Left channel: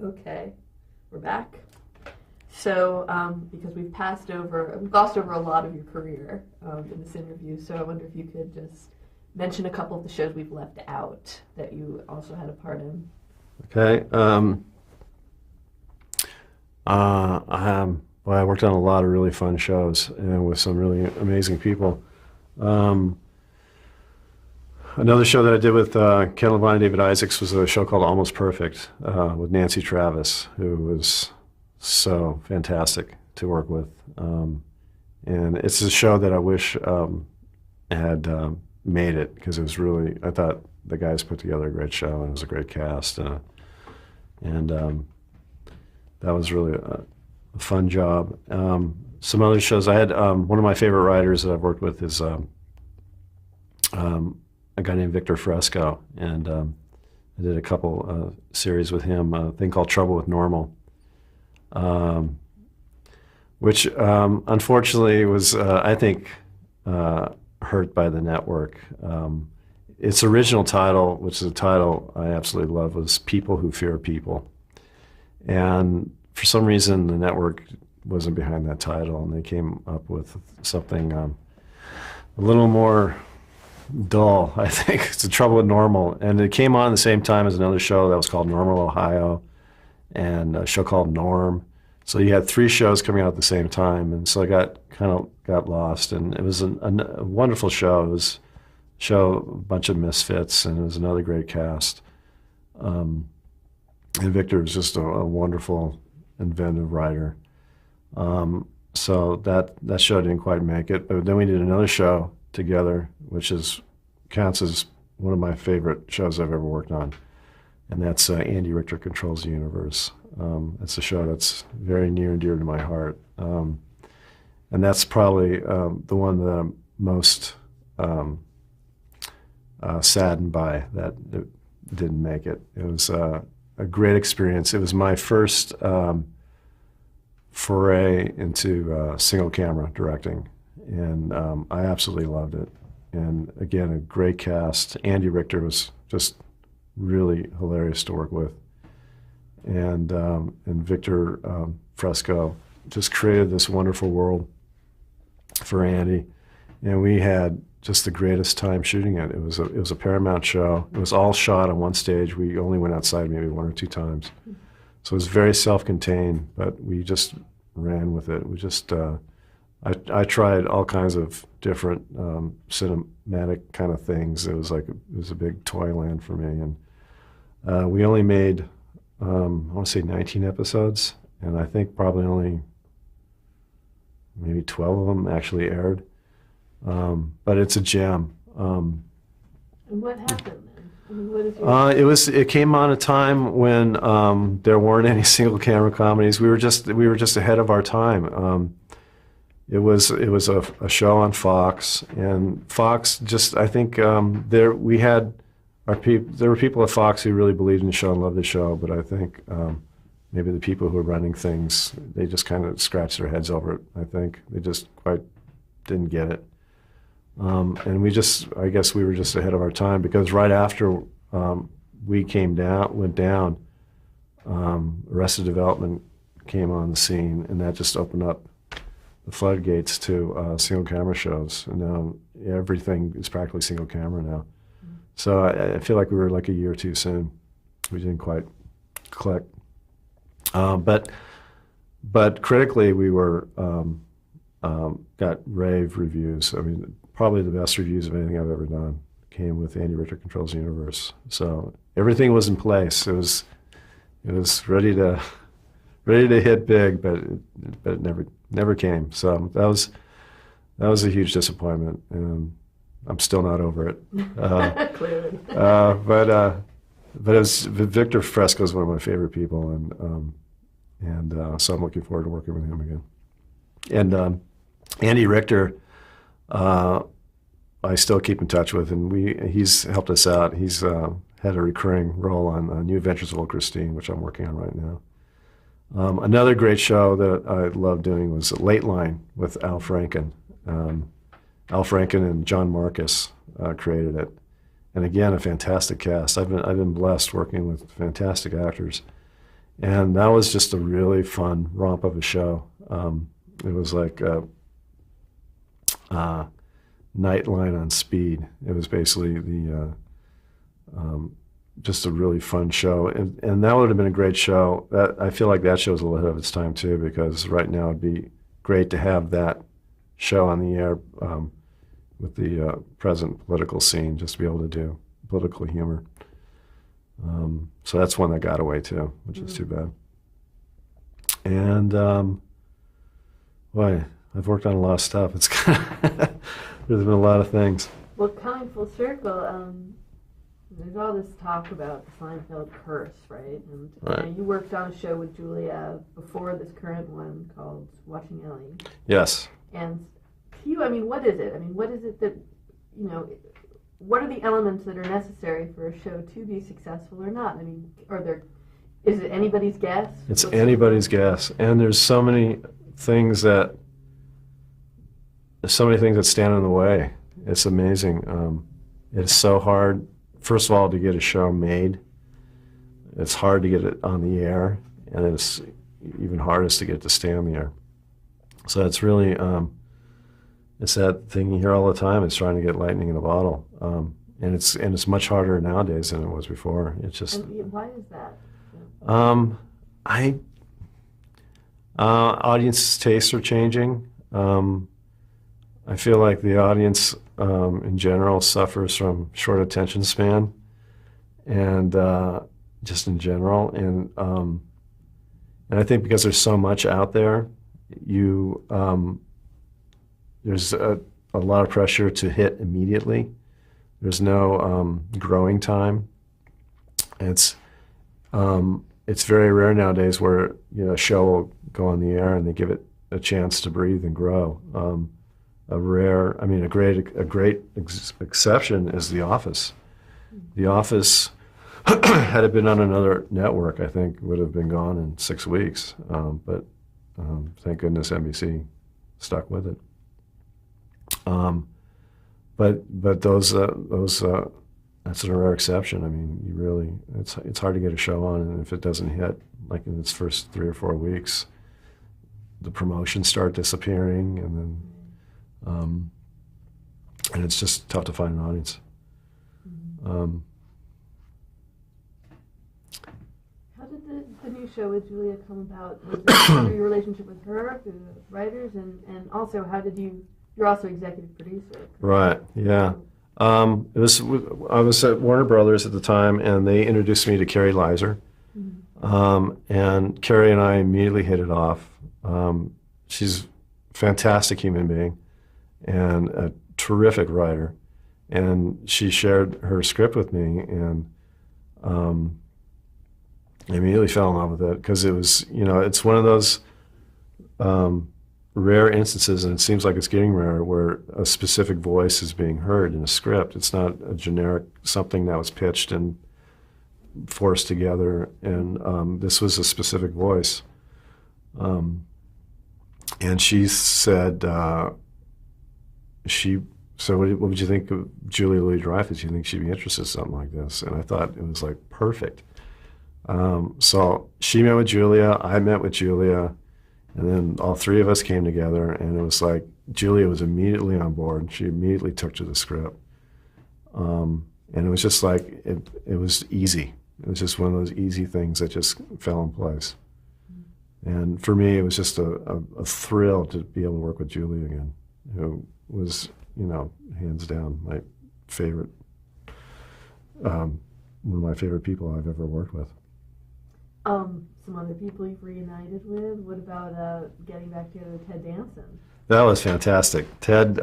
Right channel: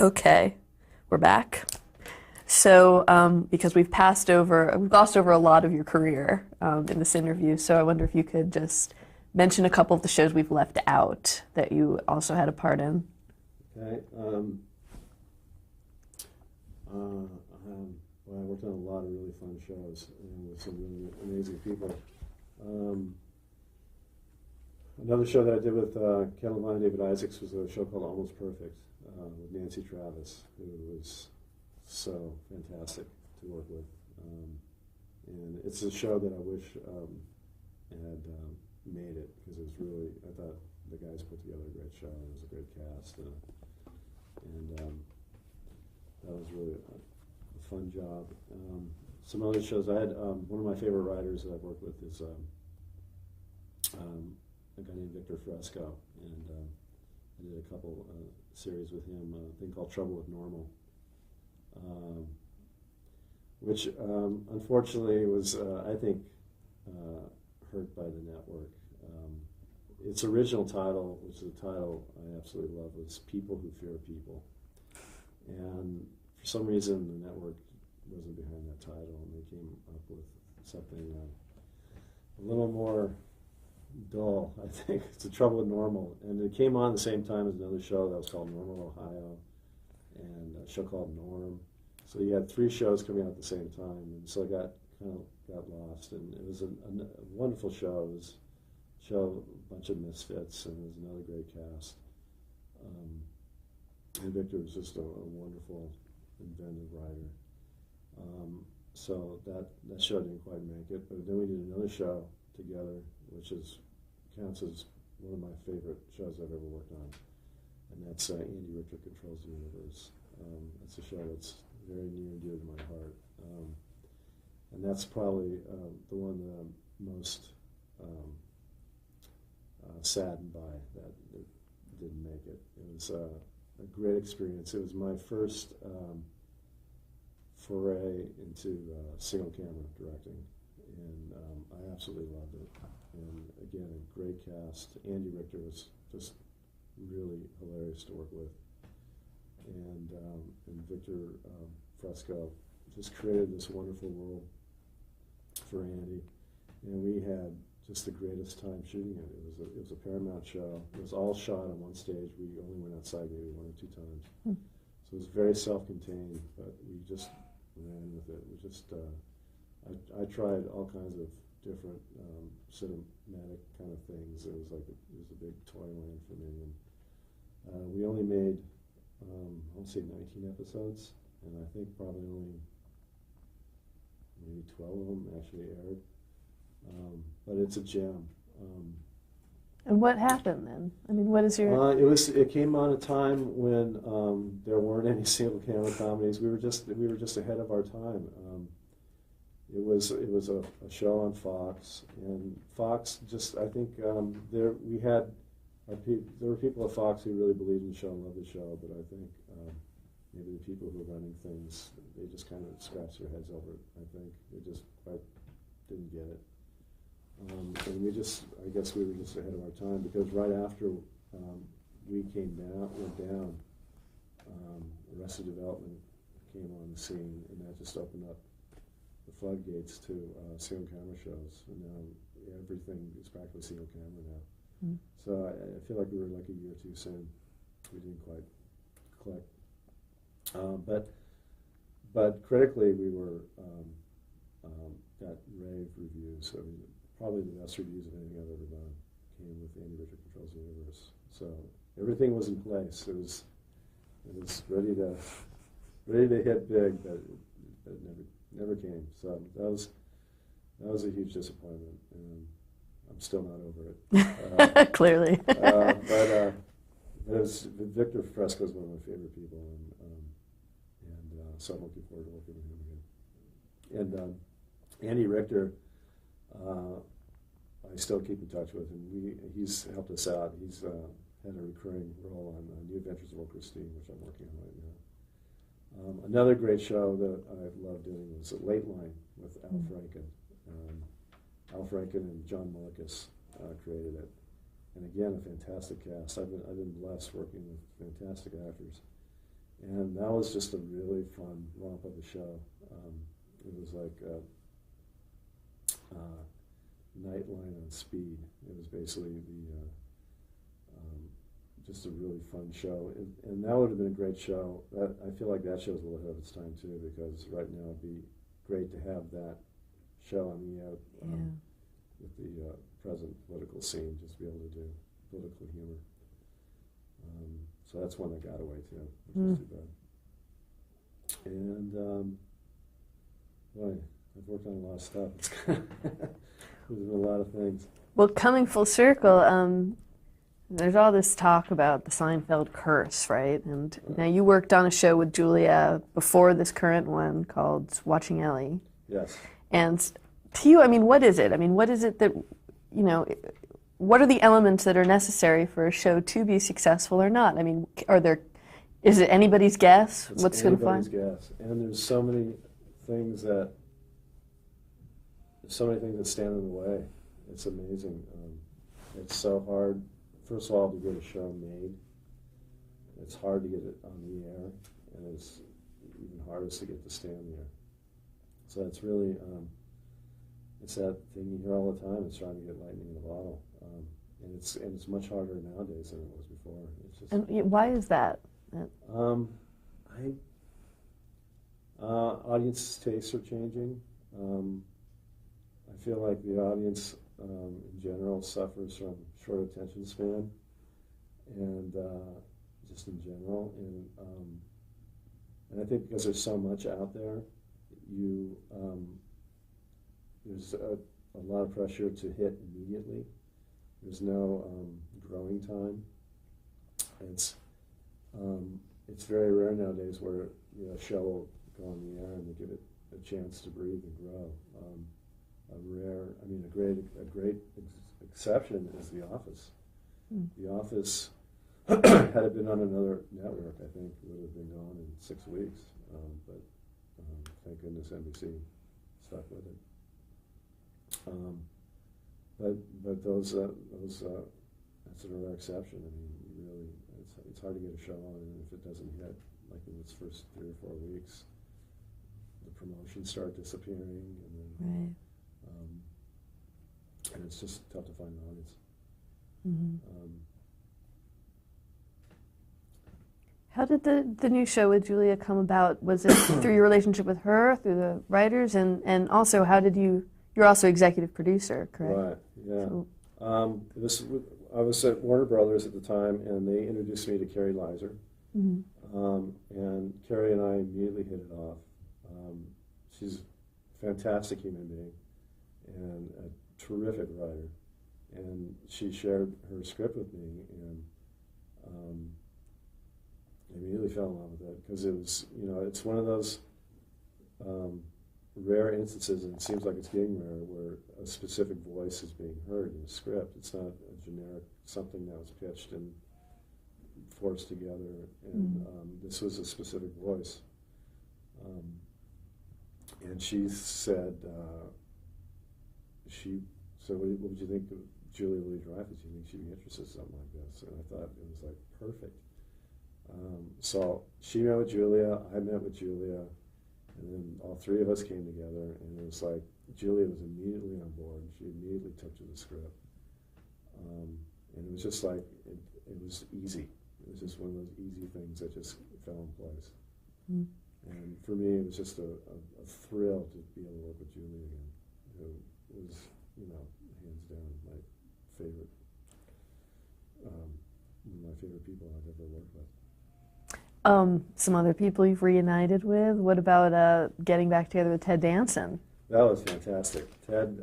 Okay, we're back. So, because we've glossed over a lot of your career in this interview, so I wonder if you could just mention a couple of the shows we've left out that you also had a part in. Okay. Well, I worked on a lot of really fun shows and with some really amazing people. Another show that I did with Ken Levine and David Isaacs was a show called Almost Perfect with Nancy Travis, who was so fantastic to work with. And it's a show that I wish had made it, because it was really, I thought the guys put together a great show and it was a great cast. And that was really a fun job. Some other shows I had, one of my favorite writers that I've worked with is a guy named Victor Fresco, and I did a couple series with him, a thing called Trouble with Normal, which unfortunately was, I think, hurt by the network. Its original title, which is a title I absolutely love, was People Who Fear People. And for some reason, the network wasn't behind that title, and they came up with something a little more dull, I think. It's The Trouble with Normal. And it came on the same time as another show that was called Normal, Ohio, and a show called Norm. So you had three shows coming out at the same time, and so I got lost. And it was a wonderful show. It was a bunch of misfits, and it was another great cast. And Victor was just a wonderful, inventive writer. So that show didn't quite make it. But then we did another show together, which counts as one of my favorite shows I've ever worked on. And that's Andy Richter Controls the Universe. It's a show that's very near and dear to my heart. And that's probably the one that I'm most saddened by that it didn't make it. It was a great experience. It was my first foray into single camera directing, and I absolutely loved it. And again, a great cast. Andy Richter was just really hilarious to work with, and Victor Fresco just created this wonderful world for Andy, and we had just the greatest time shooting it. It was a Paramount show. It was all shot on one stage. We only went outside maybe one or two times, so it was very self-contained. But we just ran with it. We just I tried all kinds of different cinematic kind of things. It was a big toy land for me, and we only made I want to say 19 episodes, and I think probably only maybe 12 of them actually aired. But it's a gem. And what happened then? I mean, what is your... It came on a time when there weren't any single camera comedies. We were just ahead of our time. It was a show on Fox, and Fox just, I think there were people at Fox who really believed in the show and loved the show, but I think maybe the people who were running things, they just kind of scratched their heads over it. I think they just quite didn't get it. And I guess we were just ahead of our time, because right after we went down, Arrested Development came on the scene, and that just opened up the floodgates to single camera shows. And now everything is practically single camera now. Mm-hmm. So I feel like we were like a year too soon. We didn't quite click. But critically, we were got rave reviews. I mean, probably the best reviews of anything I've ever done came with Andy Richter Controls the Universe. So everything was in place. It was ready to hit big, but it never came. So that was a huge disappointment, and I'm still not over it. Clearly. But Victor Fresco is one of my favorite people, and so I'm looking forward to working with him again. And Andy Richter, I still keep in touch with, and he's helped us out. He's had a recurring role on New Adventures of Old Christine, which I'm working on right now. Another great show that I love doing was Late Line with Al Franken. Al Franken and John Marcus created it, and again, a fantastic cast. I've been blessed working with fantastic actors, And that was just a really fun romp of a show. It was like a Nightline on speed. It was basically just a really fun show, and that would have been a great show. That I feel like that show was a little ahead of its time too, because right now it'd be great to have that show on the air with the present political scene, just to be able to do political humor. So that's one that got away too, which is too bad. And boy, I've worked on a lot of stuff. It's kind of there's been a lot of things. Well, coming full circle, there's all this talk about the Seinfeld curse, right? And Right. You know, you worked on a show with Julia before this current one called Watching Ellie. Yes. And to you, I mean, what is it? I mean, what is it that, you know, what are the elements that are necessary for a show to be successful or not? I mean, is it anybody's guess? It's What's anybody's guess. And there's so many things that stand in the way. It's amazing. It's so hard, first of all, to get a show made. It's hard to get it on the air, and it's even hardest to get it to stay on the air. So it's really, it's that thing you hear all the time. It's trying to get lightning in a bottle, and it's much harder nowadays than it was before. It's just. And why is that? Audience tastes are changing. I feel like the audience in general suffers from short attention span, and just in general, and I think because there's so much out there, there's a lot of pressure to hit immediately. There's no growing time. It's very rare nowadays where a show will go on the air and they give it a chance to breathe and grow. A great exception is The Office. The Office, had it been on another network, I think would have been gone in 6 weeks. But thank goodness NBC stuck with it. But those that's a rare exception. I mean, it's hard to get a show on, and if it doesn't hit, like in its first 3 or 4 weeks, the promotions start disappearing, and then. Right. And it's just tough to find an audience. Mm-hmm. How did the new show with Julia come about? Was it through your relationship with her, through the writers, and also how did you're also executive producer, correct? Right, yeah. I was at Warner Brothers at the time, and they introduced me to Carrie Leiser. Mm-hmm. And Carrie and I immediately hit it off. She's a fantastic human being and a terrific writer. And she shared her script with me, and I immediately fell in love with it because it was, it's one of those rare instances, and it seems like it's getting rare, where a specific voice is being heard in a script. It's not a generic something that was pitched and forced together, and this was a specific voice. And she said, so what would you think of Julia Louis-Dreyfus? Do you think she'd be interested in something like this? And I thought it was like perfect. So she met with Julia, I met with Julia, and then all three of us came together, and it was like Julia was immediately on board. She immediately took to the script. And it was just like, it was easy. It was just one of those easy things that just fell in place. Mm. And for me, it was just a thrill to be able to work with Julia again, who was, hands down my favorite, one of my favorite people I've ever worked with. Some other people you've reunited with. What about getting back together with Ted Danson? That was fantastic. Ted,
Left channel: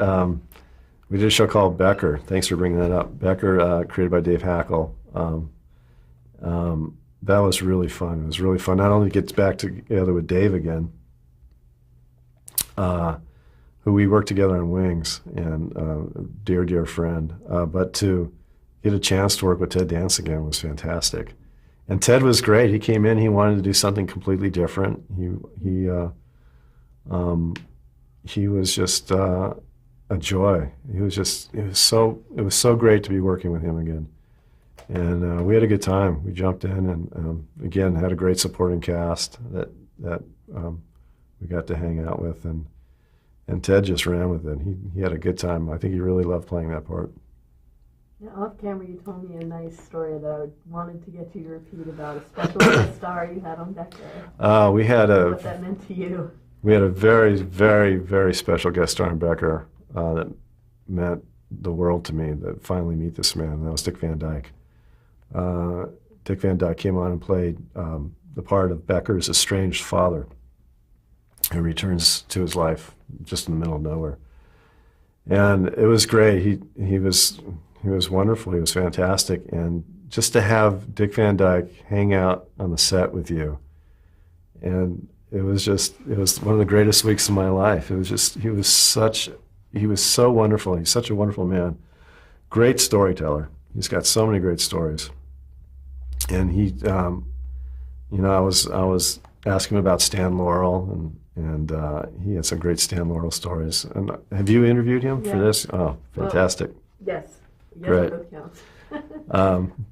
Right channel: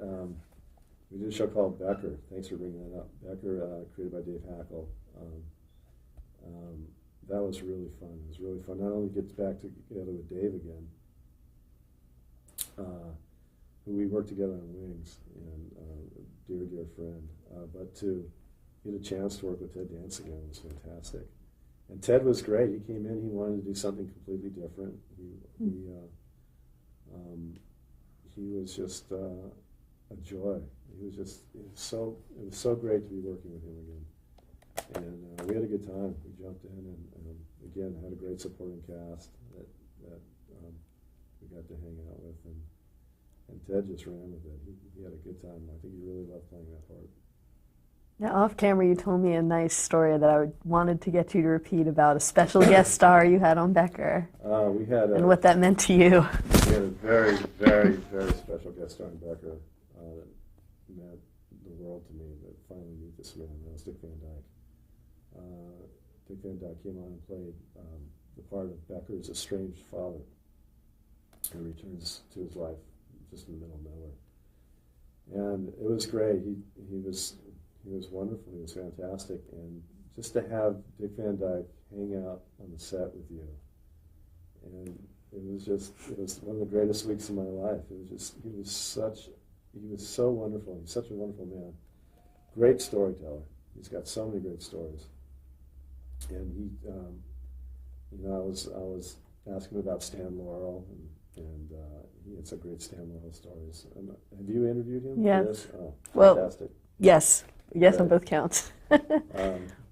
we did a show called Becker. Thanks for bringing that up. Becker, created by Dave Hackle. That was really fun. It was really fun not only to get back together with Dave again, who we worked together on Wings, and a dear, dear friend, but to get a chance to work with Ted Danson again was fantastic. And Ted was great. He came in, he wanted to do something completely different. He was just a joy. It was so great to be working with him again. And we had a good time. We jumped in and, again, had a great supporting cast that we got to hang out with. And Ted just ran with it. He had a good time. I think he really loved playing that part. Now, off camera, you told me a nice story that I wanted to get you to repeat about a special guest star you had on Becker. We had what that meant to you. We had a very, very, very special guest star on Becker that meant the world to me, that finally meet this man, and that was Dick Van Dyke. Dick Van Dyke came on and played the part of Becker's estranged father, who returns to his life just in the middle of nowhere. And it was great. He was wonderful. He was fantastic. And just to have Dick Van Dyke hang out on the set with you, and it was one of the greatest weeks of my life. He was so wonderful. He's such a wonderful man. Great storyteller. He's got so many great stories. And I was asking him about Stan Laurel, and he had some great Stan Laurel stories. And have you interviewed him for this? Oh, fantastic. Well, yes, Great. On both counts.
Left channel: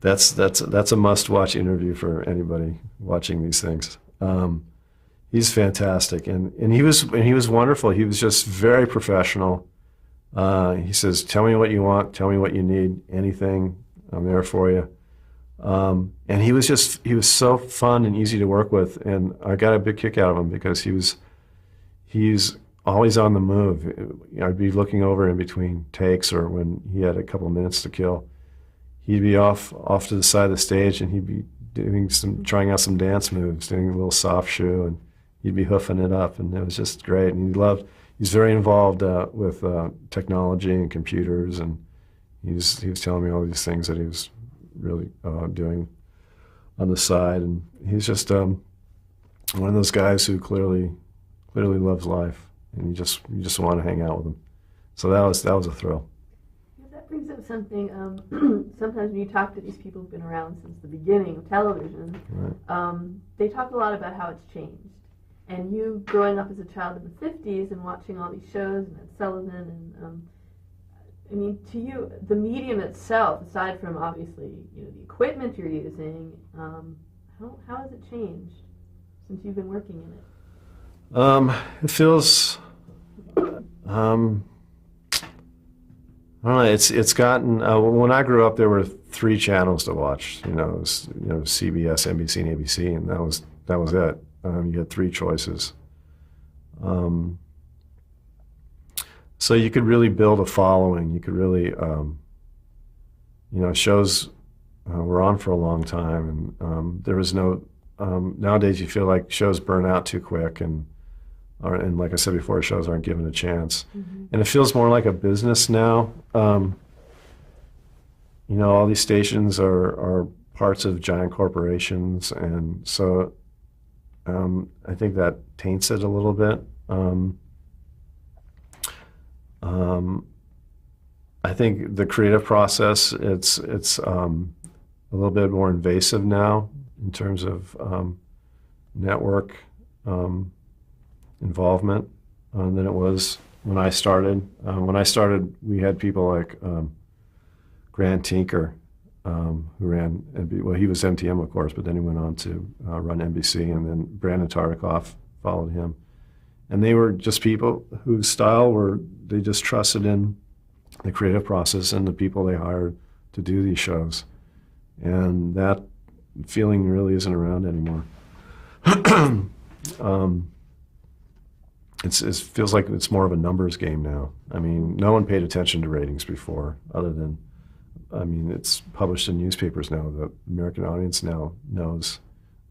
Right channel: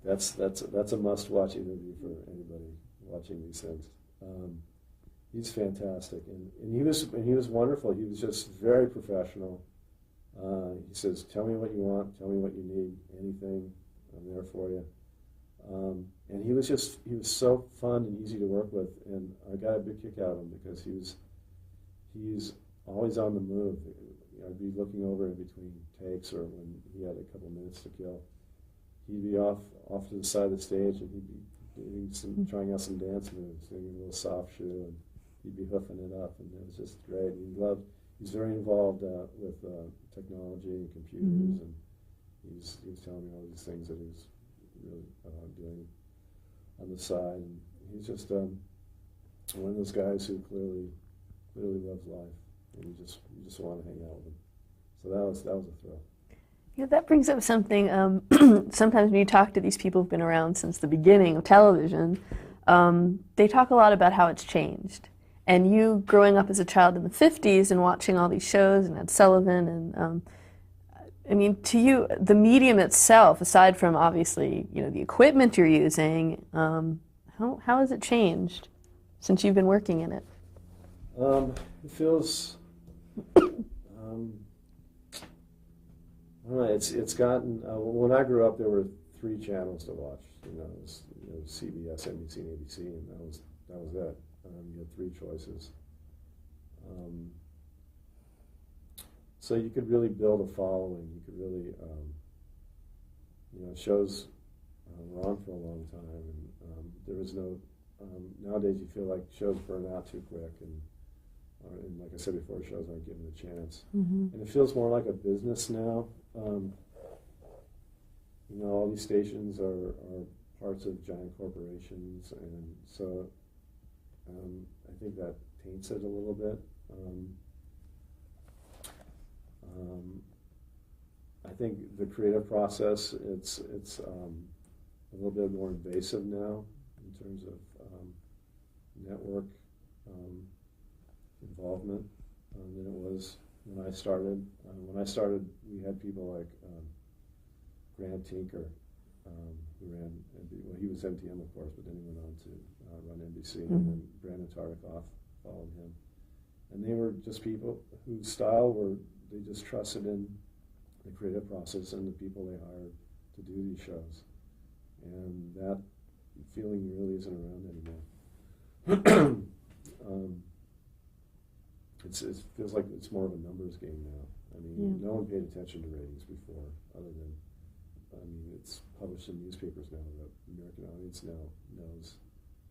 That's a must-watch interview for anybody watching these things. He's fantastic, and he was wonderful. He was just very professional. He says, "Tell me what you want. Tell me what you need. Anything, I'm there for you." And he was so fun and easy to work with, and I got a big kick out of him because he's always on the move. I'd be looking over in between takes, or when he had a couple of minutes to kill, he'd be off to the side of the stage, and he'd be trying out some dance moves, doing a little soft shoe, and he'd be hoofing it up, and it was just great. And he's very involved with technology and computers, and he was telling me all these things that he was really doing on the side, and he's just one of those guys who clearly loves life, and you just want to hang out with him. So that was a thrill. Yeah, that brings up something. Sometimes when you talk to these people who've been around since the beginning of television, they talk a lot about how it's changed. And you, growing up as a child in the 50s and watching all these shows and Ed Sullivan, and I mean, to you, the medium itself, aside from obviously the equipment you're using, how has it changed since you've been working in it? It feels, I don't know. It's gotten. When I grew up, there were 3 channels to watch. It was, CBS, NBC, and ABC, and that was it. You had 3 choices. So you could really build a following. You could really, shows were on for a long time, and there was no. Nowadays, you feel like shows burn out too quick, and like I said before, shows aren't given a chance. Mm-hmm. And it feels more like a business now. All these stations are parts of giant corporations, and so I think that taints it a little bit. I think the creative process, it's a little bit more invasive now in terms of network involvement than it was when I started. When I started, we had people like Grant Tinker, who ran, he was MTM, of course, but then he went on to run NBC, and then Brandon Tartikoff followed him. And they were just people whose style they just trusted in the creative process and the people they hired to do these shows. And that feeling really isn't around anymore. It feels like it's more of a numbers game now. I mean, no one paid attention to ratings before, other than, it's published in newspapers now. The American audience now knows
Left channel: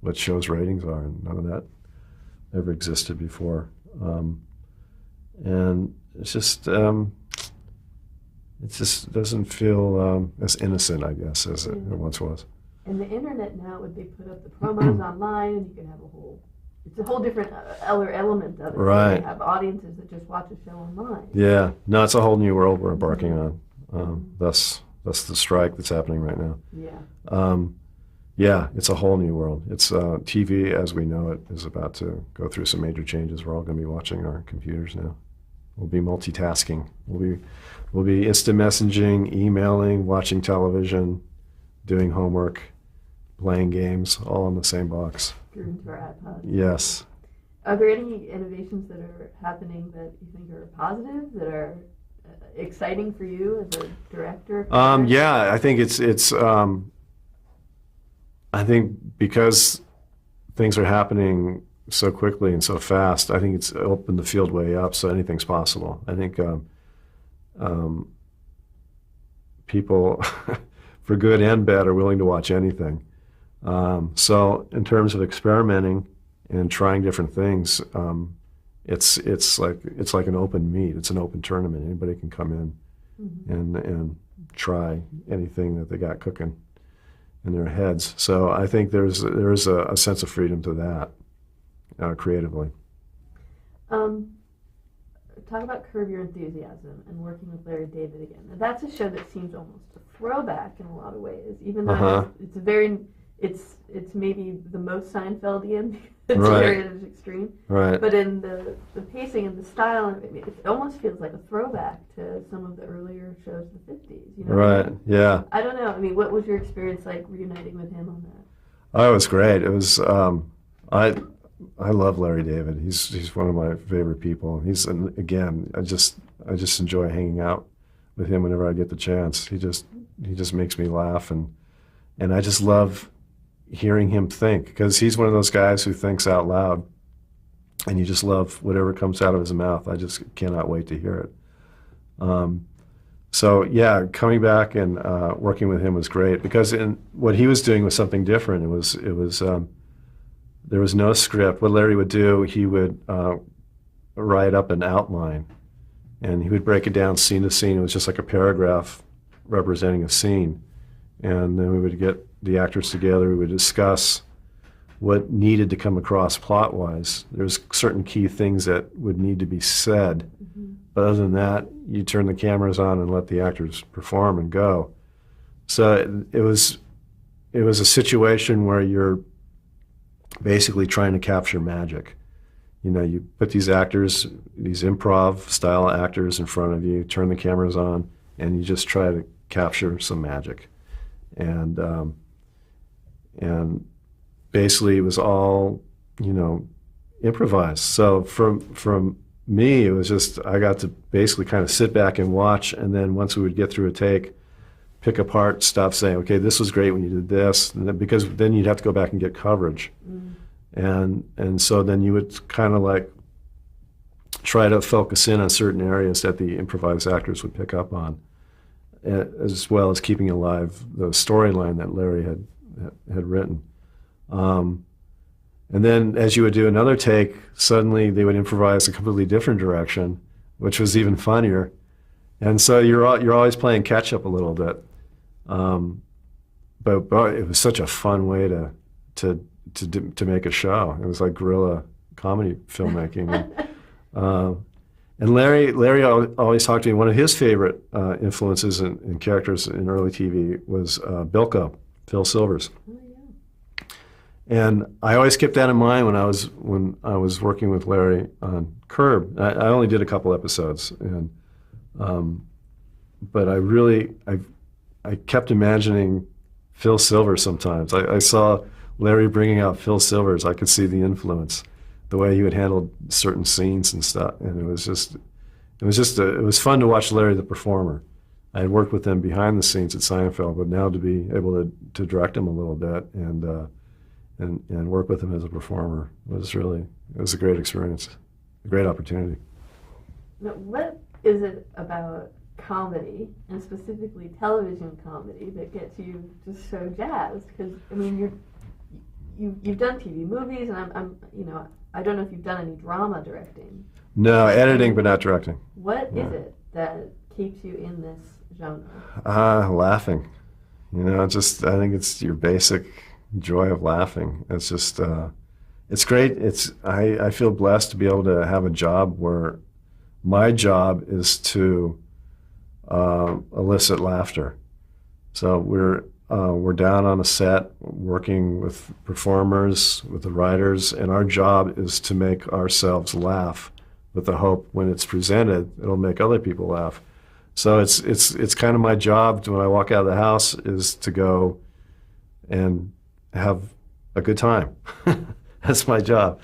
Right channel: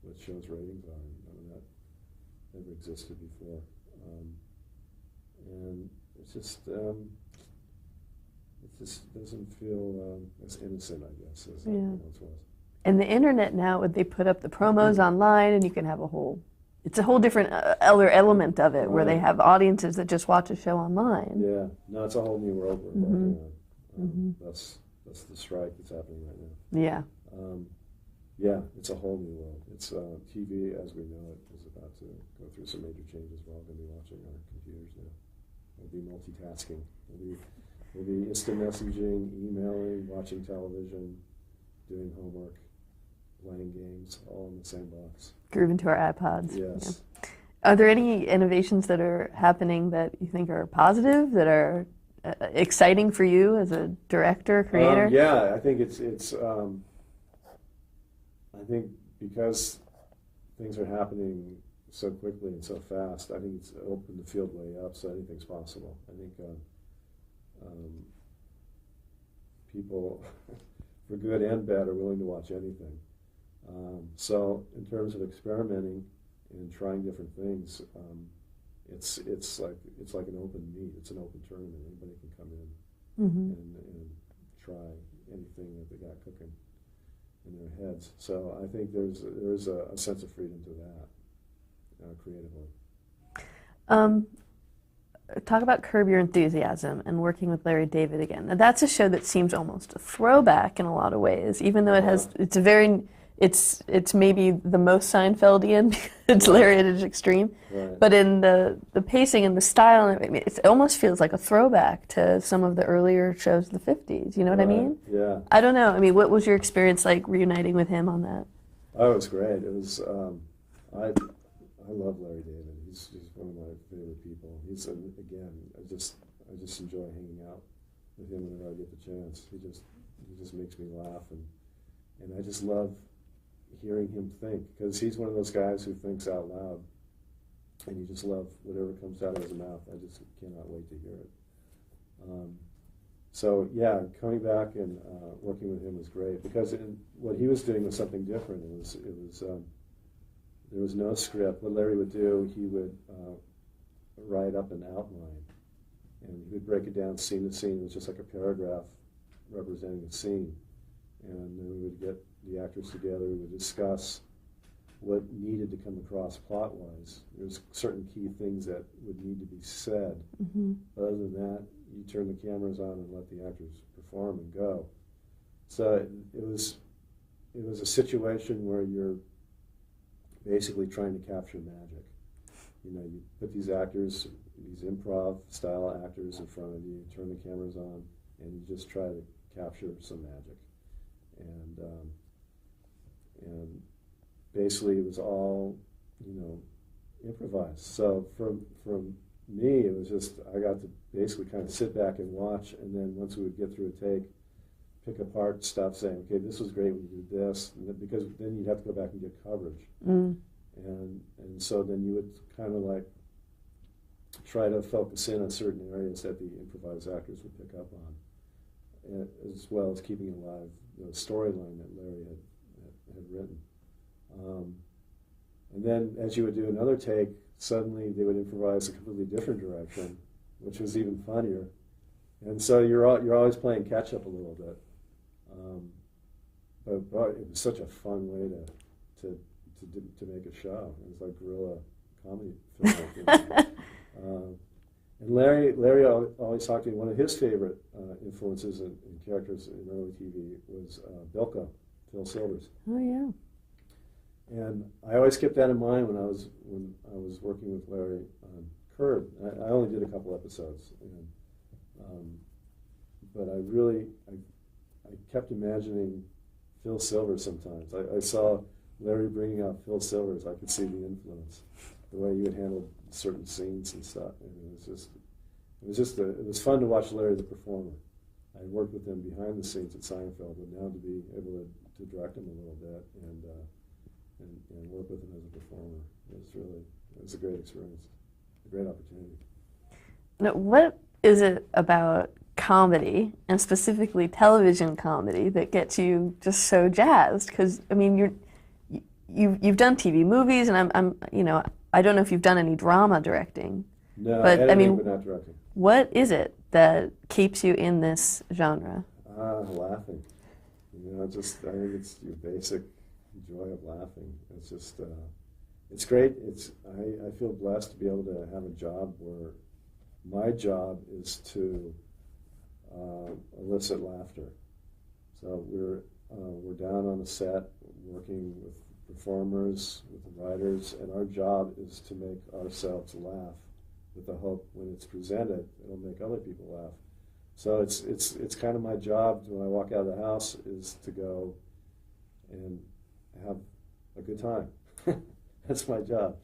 what shows' ratings are, and none of that ever existed before. And it just doesn't feel as innocent, I guess, as it once was. And the internet now, they put up the promos online, and you can have it's a whole different other element of it. Right. When they have audiences that just watch a show online. Yeah, no, it's a whole new world we're embarking on. Thus the strike that's happening right now. Yeah. Yeah, it's a whole new world. It's TV as we know it is about to go through some major changes. We're all going to be watching our computers now. We'll be multitasking. We'll be instant messaging, emailing, watching television, doing homework, playing games, all in the same box. Groove into our iPods. Yes. Are there any innovations that are happening that you think are positive, that are exciting for you as a director, creator? Yeah, I think it's I think because things are happening so quickly and so fast, I think it's opened the field way up, so anything's possible. I think people, for good and bad, are willing to watch anything. So in terms of experimenting and trying different things, it's like an open meet. It's an open tournament. Anybody can come in and try anything that they got cooking in their heads. So I think there's a sense of freedom to that creatively. Talk about Curb Your Enthusiasm and working with Larry David again. Now, that's a show that seems almost a throwback in a lot of ways, even though it's maybe the most Seinfeldian. It's Larry at its extreme. Right. But in the pacing and the style, it almost feels like a throwback to some of the earlier shows of the 50s. You know what I mean? Yeah. I don't know. I mean, what was your experience like reuniting with him on that? Oh, it was great. It was I love Larry David. He's one of my favorite people. Again, I just enjoy hanging out with him whenever I get the chance. He just makes me laugh, and I just love hearing him think, because he's one of those guys who thinks out loud, and you just love whatever comes out of his mouth. I just cannot wait to hear it. So yeah, coming back and working with him was great, because what he was doing was something different. It was there was no script. What Larry would do, he would write up an outline, and he would break it down scene to scene. It was just like a paragraph representing a scene. And then we would get the actors together. We would discuss what needed to come across plot-wise. There's certain key things that would need to be said. But other than that, you turn the cameras on and let the actors perform and go. So it was a situation where you're basically trying to capture magic. You know, you put these actors, these improv style actors in front of you, turn the cameras on, and you just try to capture some magic. And basically it was all, improvised. So from me, it was just, I got to basically kind of sit back and watch, and then once we would get through a take, pick apart stuff, saying, okay, this was great when you did this, and then, because then you'd have to go back and get coverage. And so then you would kind of like try to focus in on certain areas that the improvised actors would pick up on, as well as keeping alive the storyline that Larry had written. And then as you would do another take, suddenly they would improvise a completely different direction, which was even funnier. And so you're always playing catch up a little bit. But it was such a fun way to make a show. It was like guerrilla comedy filmmaking. And Larry always talked to me. One of his favorite influences and characters in early TV was Bilko, Phil Silvers. Oh yeah. And I always kept that in mind when I was working with Larry on Curb. I only did a couple episodes, but I kept imagining Phil Silvers sometimes. I saw Larry bringing out Phil Silvers. I could see the influence, the way he would handle certain scenes and stuff. And it was fun to watch Larry the performer. I had worked with him behind the scenes at Seinfeld, but now to be able to direct him a little bit and work with him as a performer was a great experience, a great opportunity. Now, what is it about comedy, and specifically television comedy, that gets you just so jazzed? Because I mean, you've done TV, movies, and I don't know if you've done any drama directing. No, but, editing, but not directing. What is it that keeps you in this genre? Laughing. I think it's your basic joy of laughing. It's just, it's great. I feel blessed to be able to have a job where my job is to elicit laughter. So we're down on a set working with performers, with the writers, and our job is to make ourselves laugh with the hope when it's presented, it'll make other people laugh. So it's kind of my job when I walk out of the house is to go, and have a good time. That's my job.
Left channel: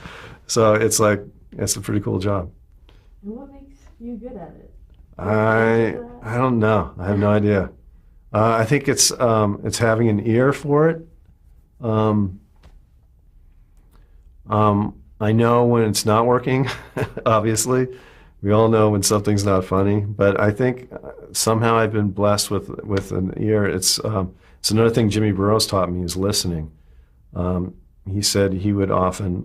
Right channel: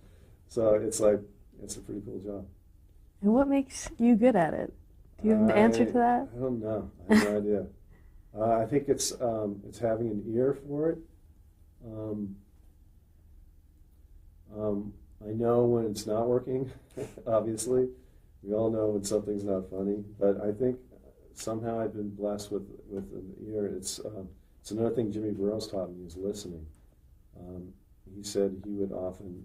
So it's like, it's a pretty cool job. And what makes you good at it? Do you have the answer to that? I don't know. I have no idea. I think it's having an ear for it. I know when it's not working, obviously. We all know when something's not funny, but I think somehow I've been blessed with an ear. It's another thing Jimmy Burrows taught me is listening. He said he would often,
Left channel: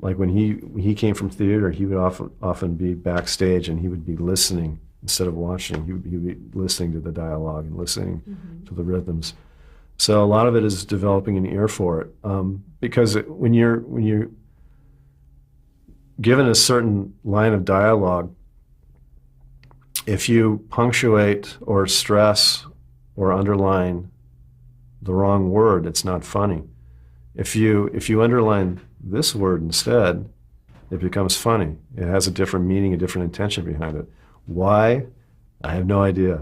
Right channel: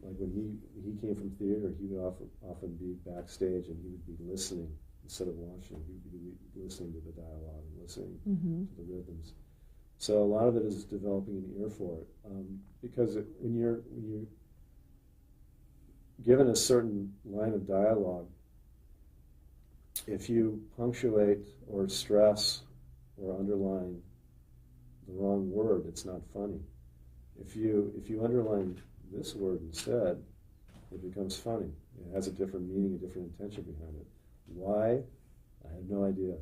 like when he came from theater, he would often be backstage and he would be listening instead of watching. He would be listening to the dialogue and listening to the rhythms. So a lot of it is developing an ear for it, because when you're given a certain line of dialogue, if you punctuate or stress or underline the wrong word, it's not funny. If you underline this word instead, it becomes funny. It has a different meaning, a different intention behind it. Why? I have no idea.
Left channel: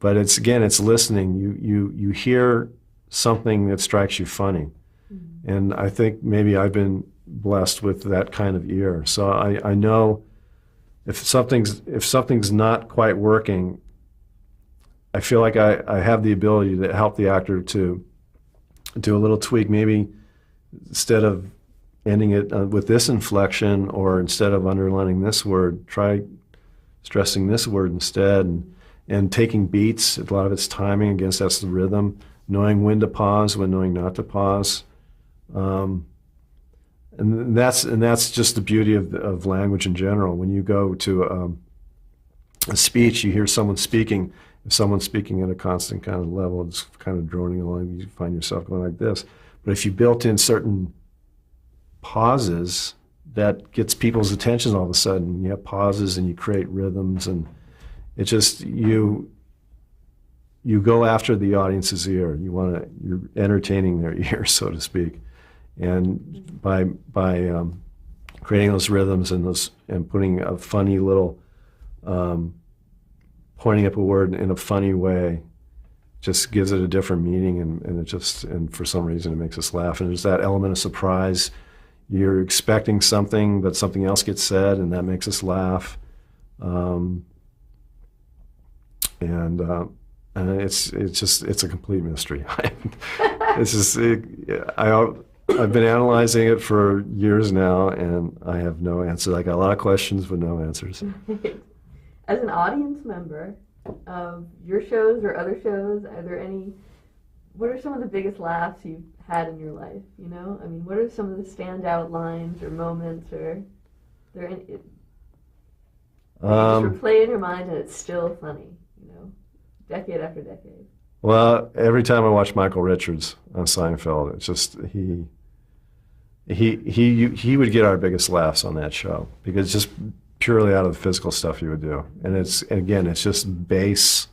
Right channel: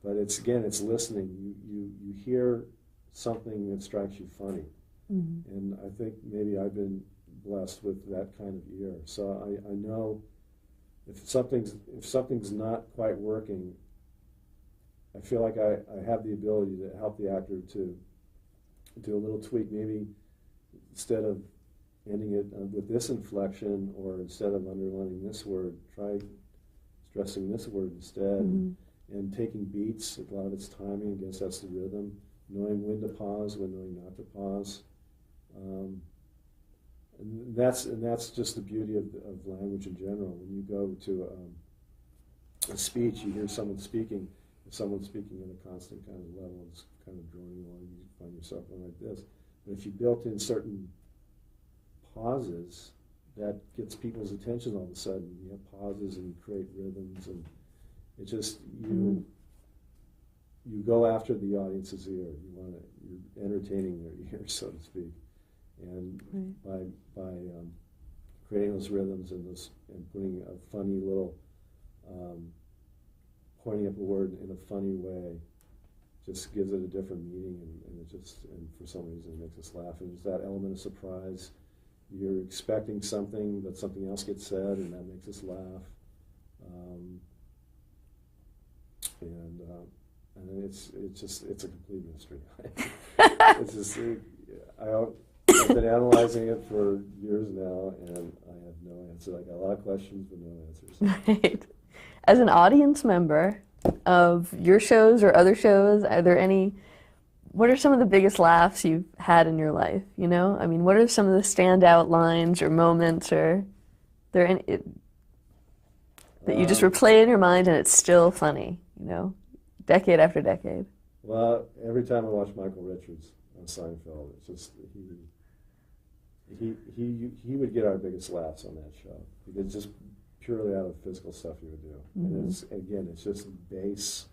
But it's listening. You hear something that strikes you funny. Mm-hmm. And I think maybe I've been blessed with that kind of ear. So I know if something's not quite working, I feel like I have the ability to help the actor to do a little tweak. Maybe instead of ending it with this inflection, or instead of underlining this word, try stressing this word instead. Mm-hmm. And taking beats. A lot of it's timing. Again, that's the rhythm. Knowing when to pause, when knowing not to pause. And that's just the beauty of language in general. When you go to a speech, you hear someone speaking. If someone's speaking at a constant kind of level, it's kind of droning along, you find yourself going like this. But if you built in certain pauses, that gets people's attention all of a sudden. You have pauses and you create rhythms, and it just, you go after the audience's ear. You're entertaining their ear, so to speak. And by creating those rhythms and putting a funny little, pointing up a word in a funny way, just gives it a different meaning, and for some reason it makes us laugh. And there's that element of surprise. You're expecting something, but something else gets said, and that makes us laugh. And it's a complete mystery. I've been analyzing it for years now, and I have no answer. I got a lot of questions but no answers. Right. As an audience member of your shows or other shows, what are some of the biggest laughs you've had in your life? You know, I mean, what are some of the standout lines or moments, or there any that you just replay in your mind and it's still funny? You know, decade after decade. Well, every time I watch Michael Richards on Seinfeld, it's just he would get our biggest laughs on that show, because just purely out of the physical stuff he would do, and it's just base.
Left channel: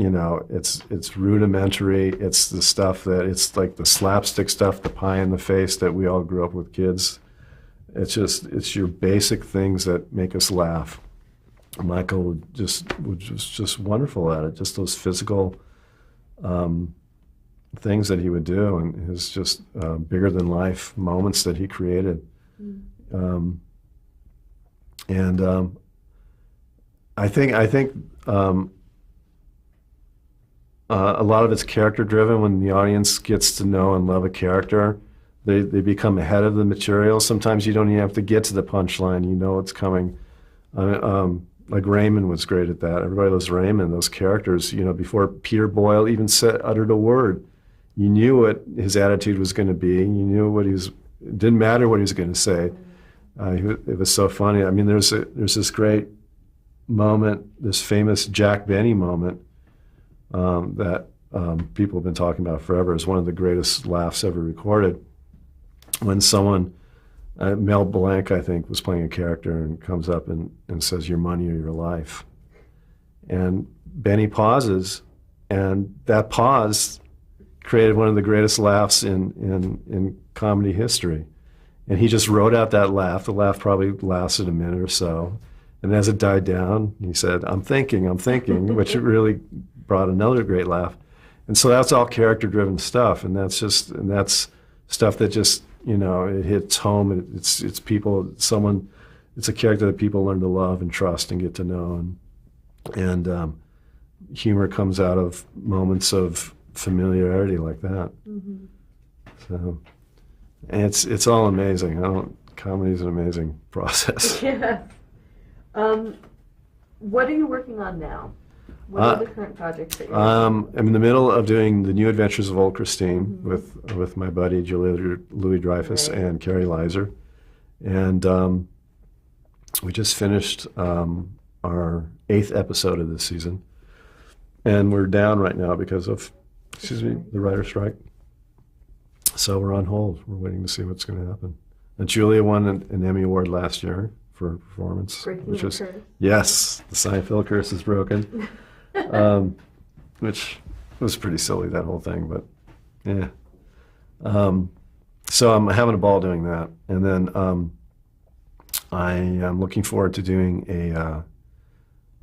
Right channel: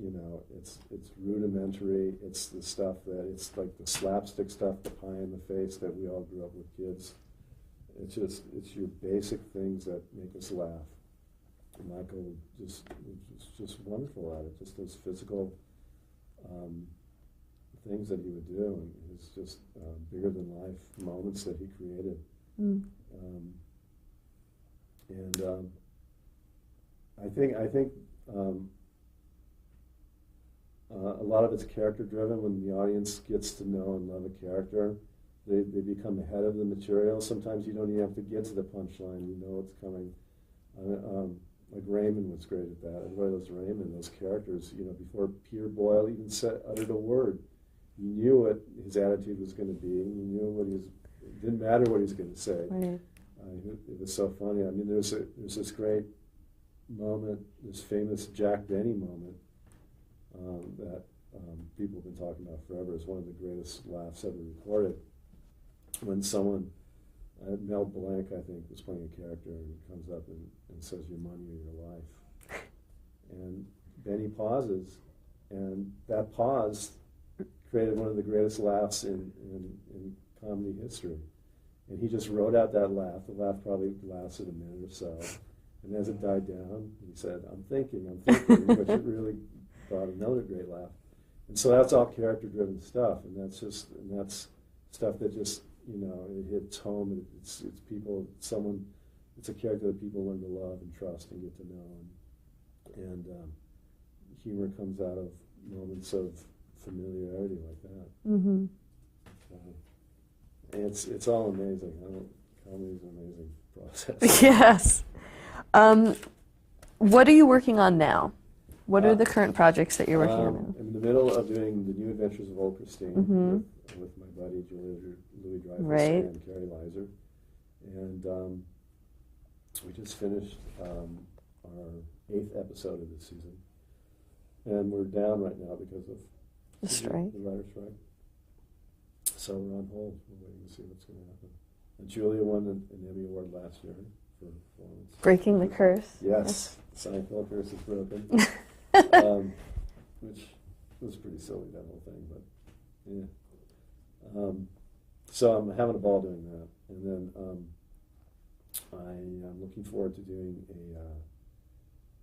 You know, it's rudimentary. It's the stuff it's like the slapstick stuff, the pie in the face that we all grew up with kids. It's your basic things that make us laugh. Michael was just wonderful at it. Just those physical things that he would do, and his just bigger than life moments that he created. I think a lot of it's character driven. When the audience gets to know and love a character, they become ahead of the material. Sometimes you don't even have to get to the punchline. You know it's coming. Like Raymond was great at that. Everybody loves Raymond. Those characters, you know, before Peter Boyle even uttered a word, you knew what his attitude was going to be. You knew it didn't matter what he was going to say. It was so funny. I mean, there's this great moment, this famous Jack Benny moment that people have been talking about forever. It's one of the greatest laughs ever recorded. When someone, Mel Blanc, I think, was playing a character and comes up and says, "Your money or your life." And Benny pauses, and that pause created one of the greatest laughs in comedy history. And he just wrote out that laugh. The laugh probably lasted a minute or so. And as it died down, he said, I'm thinking, which really brought another great laugh. And so that's all character-driven stuff, and that's stuff that just, it hits home. It's people, it's a character that people learn to love and trust and get to know, and humor comes out of moments of familiarity like that. Mm-hmm. So, and it's all amazing. Comedy's an amazing process. Yes. What are you working on now? What are the current projects that you're working on? I'm in the middle of doing The New Adventures of Old Christine Mm-hmm. with my buddy Julia Louis-Dreyfus Right. and Carrie Leiser. And we just finished our 8th episode of this season. And we're down right now because of the writer's strike. So we're on hold. We're waiting to see what's going to happen. And Julia won an Emmy Award last year for performance. Breaking the curse. Yes, the Seinfeld curse is broken. Which was pretty silly, that whole thing, but yeah. So I'm having a ball doing that. And then I am looking forward to doing I'm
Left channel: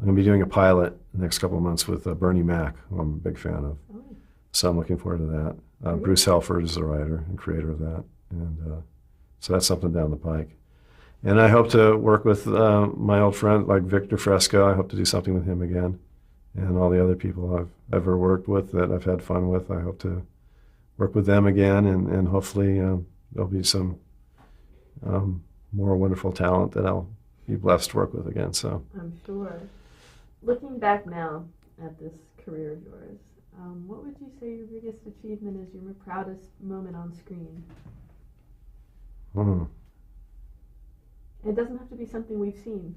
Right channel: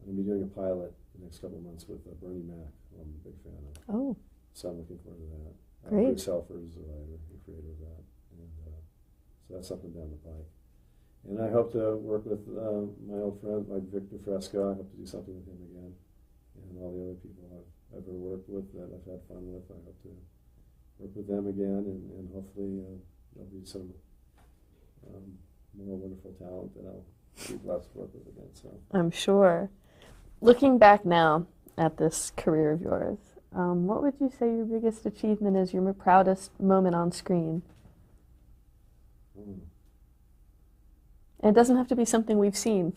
going to be doing a pilot the next couple of months with Bernie Mac, who I'm a big fan of. Oh. So I'm looking forward to that. Great. Bruce Helford is the writer and creator of that. And so that's something down the pike. And I hope to work with my old friend, like Victor Fresco. I hope to do something with him again. And all the other people I've ever worked with that I've had fun with, I hope to work with them again. And hopefully there'll be some more wonderful talent that I'll be blessed to work with again. So I'm sure. Looking back now at this career of yours, what would you say your biggest achievement is, your proudest moment on screen? And it doesn't have to be something we've seen.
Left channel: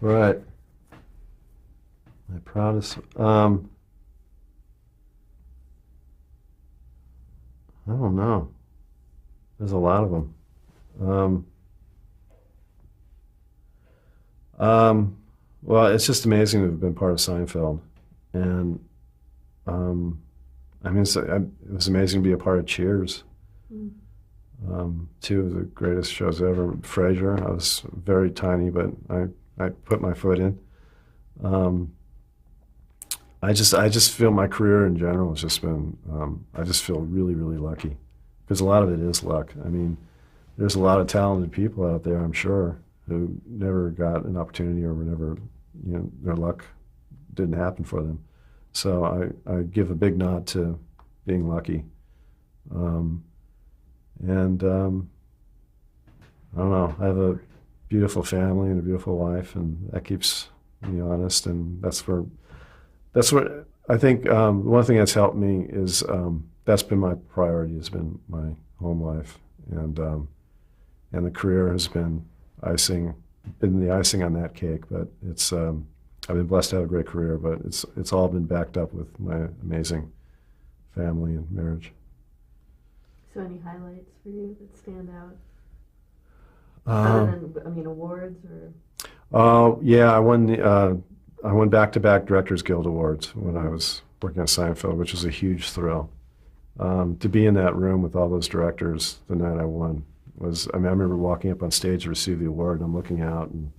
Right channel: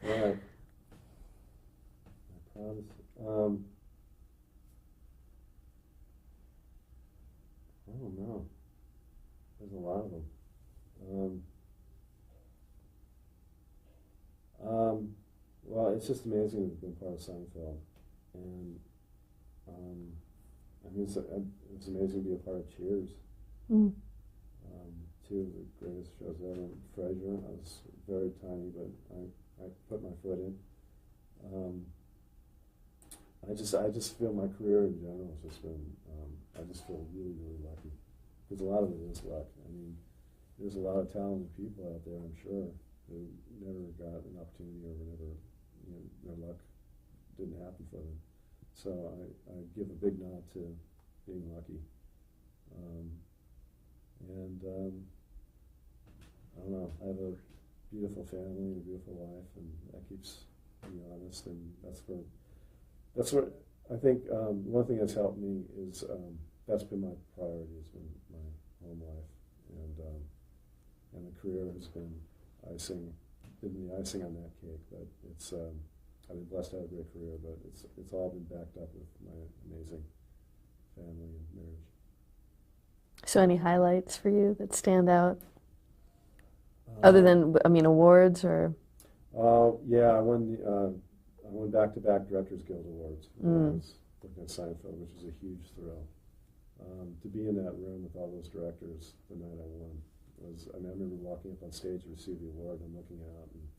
Right. My proudest. I don't know. There's a lot of them. Well, it's just amazing to have been part of Seinfeld, and I mean, it was amazing to be a part of Cheers. Mm. Two of the greatest shows ever. Frasier, I was very tiny, but I put my foot in. I just feel my career in general has just been, I just feel really, really lucky, because a lot of it is luck. I mean, there's a lot of talented people out there, I'm sure, who never got an opportunity or were never, their luck didn't happen for them. So I give a big nod to being lucky. And I don't know, I have a beautiful family and a beautiful wife, and that keeps me honest, and that's where I think one thing that's helped me is that's been my priority, has been my home life, and the career has been the icing on that cake. But it's I've been blessed to have a great career, but it's all been backed up with my amazing family and marriage. So any highlights for you that stand out? Other than, awards or? Yeah, I won back-to-back Directors Guild Awards when I was working on Seinfeld, which was a huge thrill. To be in that room with all those directors the night I won I remember walking up on stage to receive the award, and I'm looking out, and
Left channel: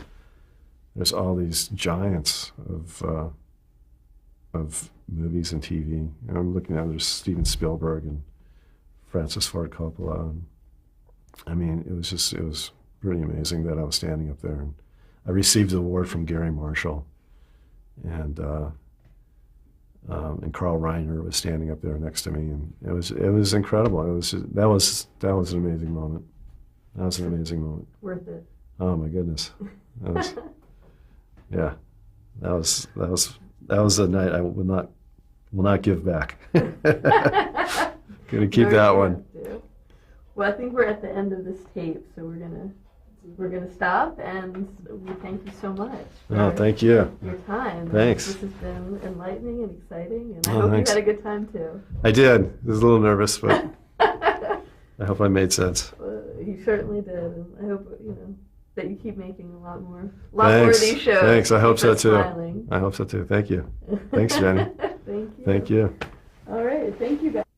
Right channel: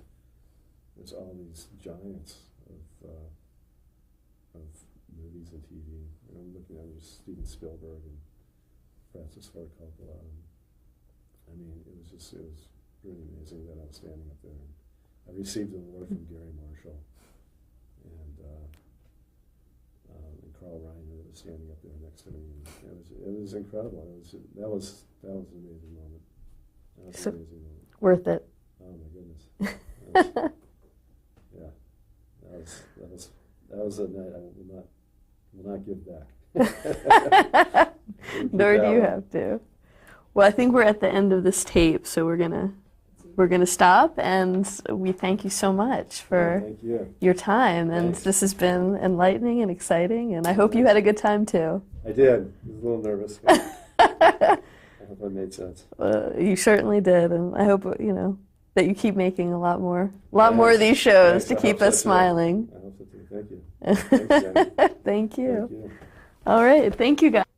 there's all these giants of movies and TV. And I'm looking at, there's Steven Spielberg and Francis Ford Coppola. And, it was pretty amazing that I was standing up there. And I received the award from Gary Marshall, and Carl Reiner was standing up there next to me, and it was incredible. That was an amazing moment. That was an amazing moment. Worth it. Oh my goodness. Yeah, that was a night I will not give back. Gonna keep that one. Have to. Well, I think we're at the end of this tape, so we're gonna stop, and we thank you so much for thank you. your time. Thanks. And this has been enlightening and exciting, and I hope thanks. you had a good time too. I did. I was a little nervous, but I hope I made sense. You certainly did, and I hope that you keep making a lot more of Thanks. these shows Thanks. to I keep hope so us too. smiling. I hope so too. Thank you. Thanks, Jenny. Thank you. Thank you. All right. Thank you, guys.